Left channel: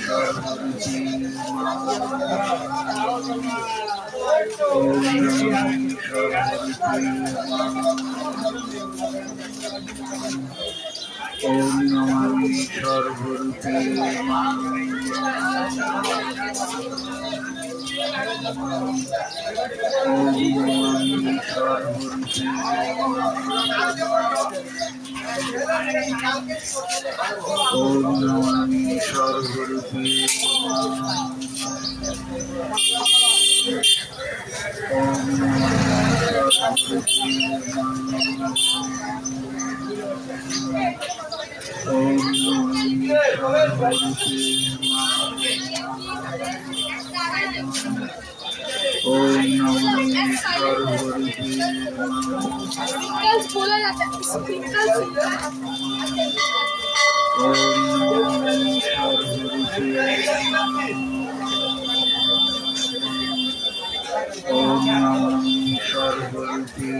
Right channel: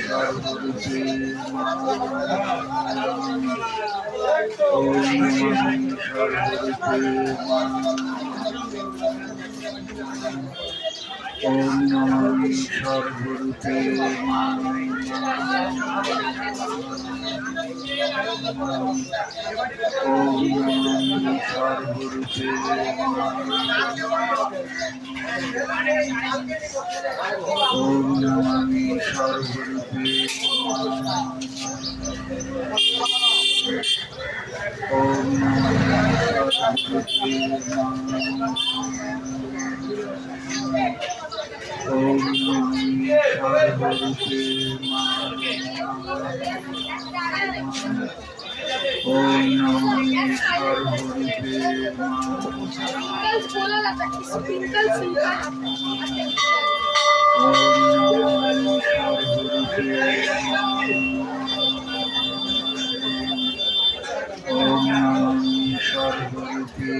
সর্বরূপে ওম নমামি সর্বরূপে ওম নমামি সর্বরূপে ওম নমামি সর্বরূপে ওম নমামি সর্বরূপে ওম নমামি সর্বরূপে ওম নমামি সর্বরূপে ওম নমামি সর্বরূপে ওম নমামি সর্বরূপে ওম নমামি সর্বরূপে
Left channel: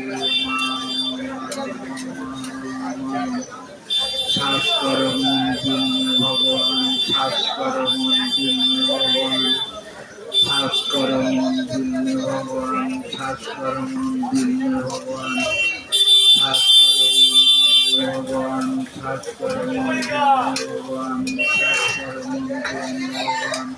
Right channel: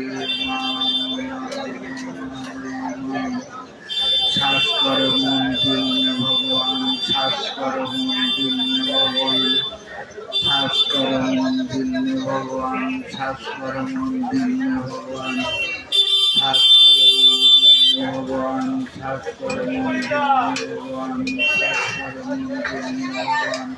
শ্বাস করো মন দিল্য ভগবান শ্বাস করো মন দিল্য ভগবান শ্বাস করো মন দিল্য ভগবান শ্বাস করো মন দিল্য ভগবান শ্বাস করো মন দিল্য ভগবান শ্বাস করো মন দিল্য ভগবান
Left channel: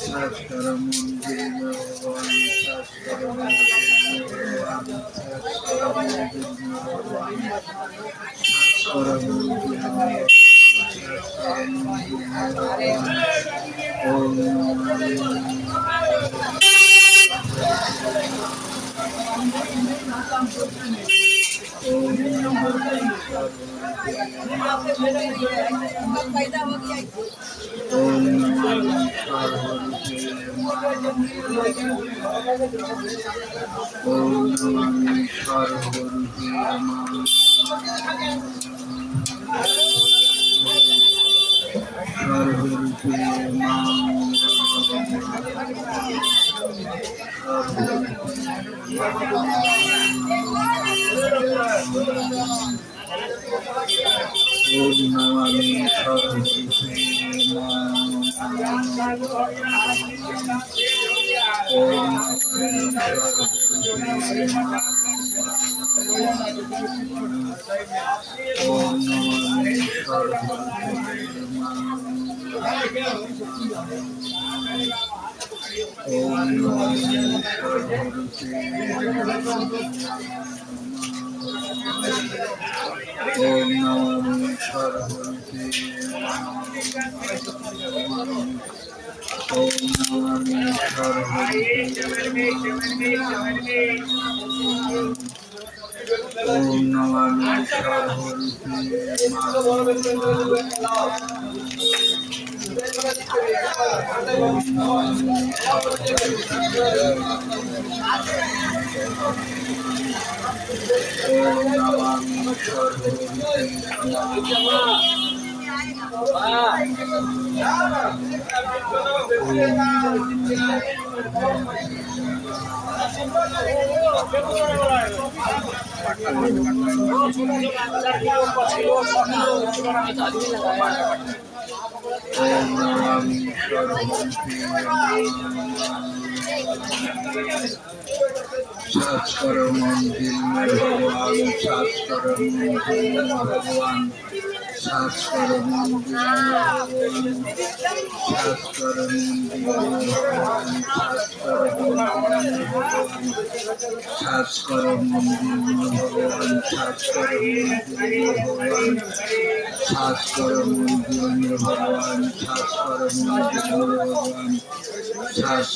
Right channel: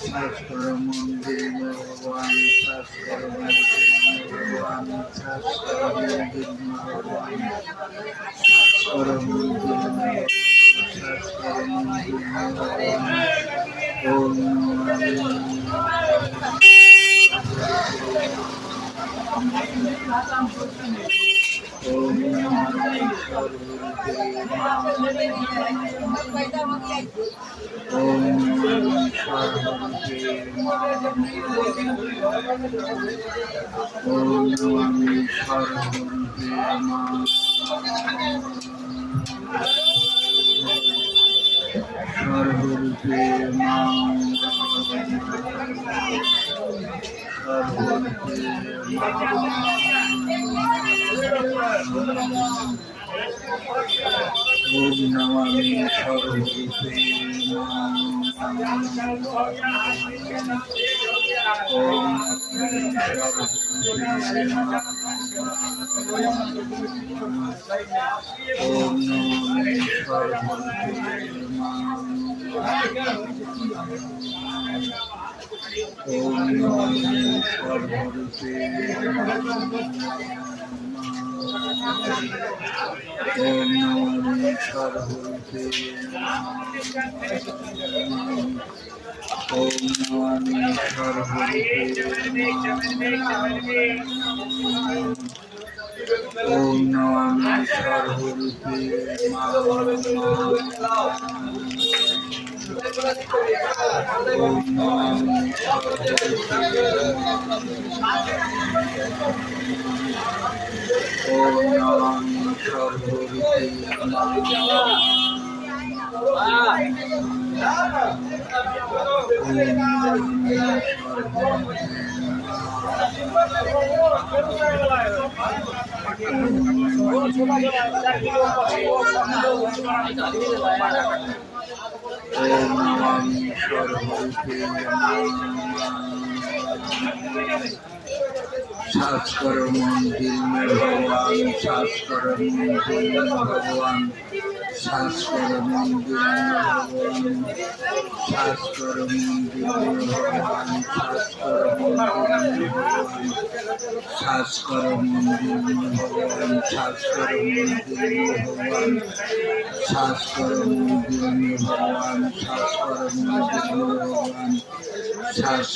শ্বাস করো মন দিল্য ভগবান শ্বাস করো মন দিল্য ভগবান শ্বাস করো মন দিল্য ভগবান শ্বাস করো মন দিল্য ভগবান ওম নমামি ওম নমামি সর্বরূপে ওম নমামি সর্বরূপে ওম নমামি সর্বরূপে সর্বরূপে ওম নমামি সর্বরূপে ওম ওম নমামি সর্বরূপে ওম নমামি সর্বরূপে ওম নমামি সর্বরূপে ওম নমামি সর্বরূপে ওম নমামি সর্বরূপে ওম নমামি ওম নমামি সর্বরূপে ওম নমামি সর্বরূপে শ্বাস করো মন দিল্য ভগবান শ্বাস করো মন দিল্য ভগবান শ্বাস করো মন দিল্য ভগবান শ্বাস করো মন দিল্য ভগবান শ্বাস করো মন দিল্য ভগবান শ্বাস করো মন দিল্য ভগবান শ্বাস করো মন দিল্য ভগবান শ্বাস করো মন দিল্য ভগবান শ্বাস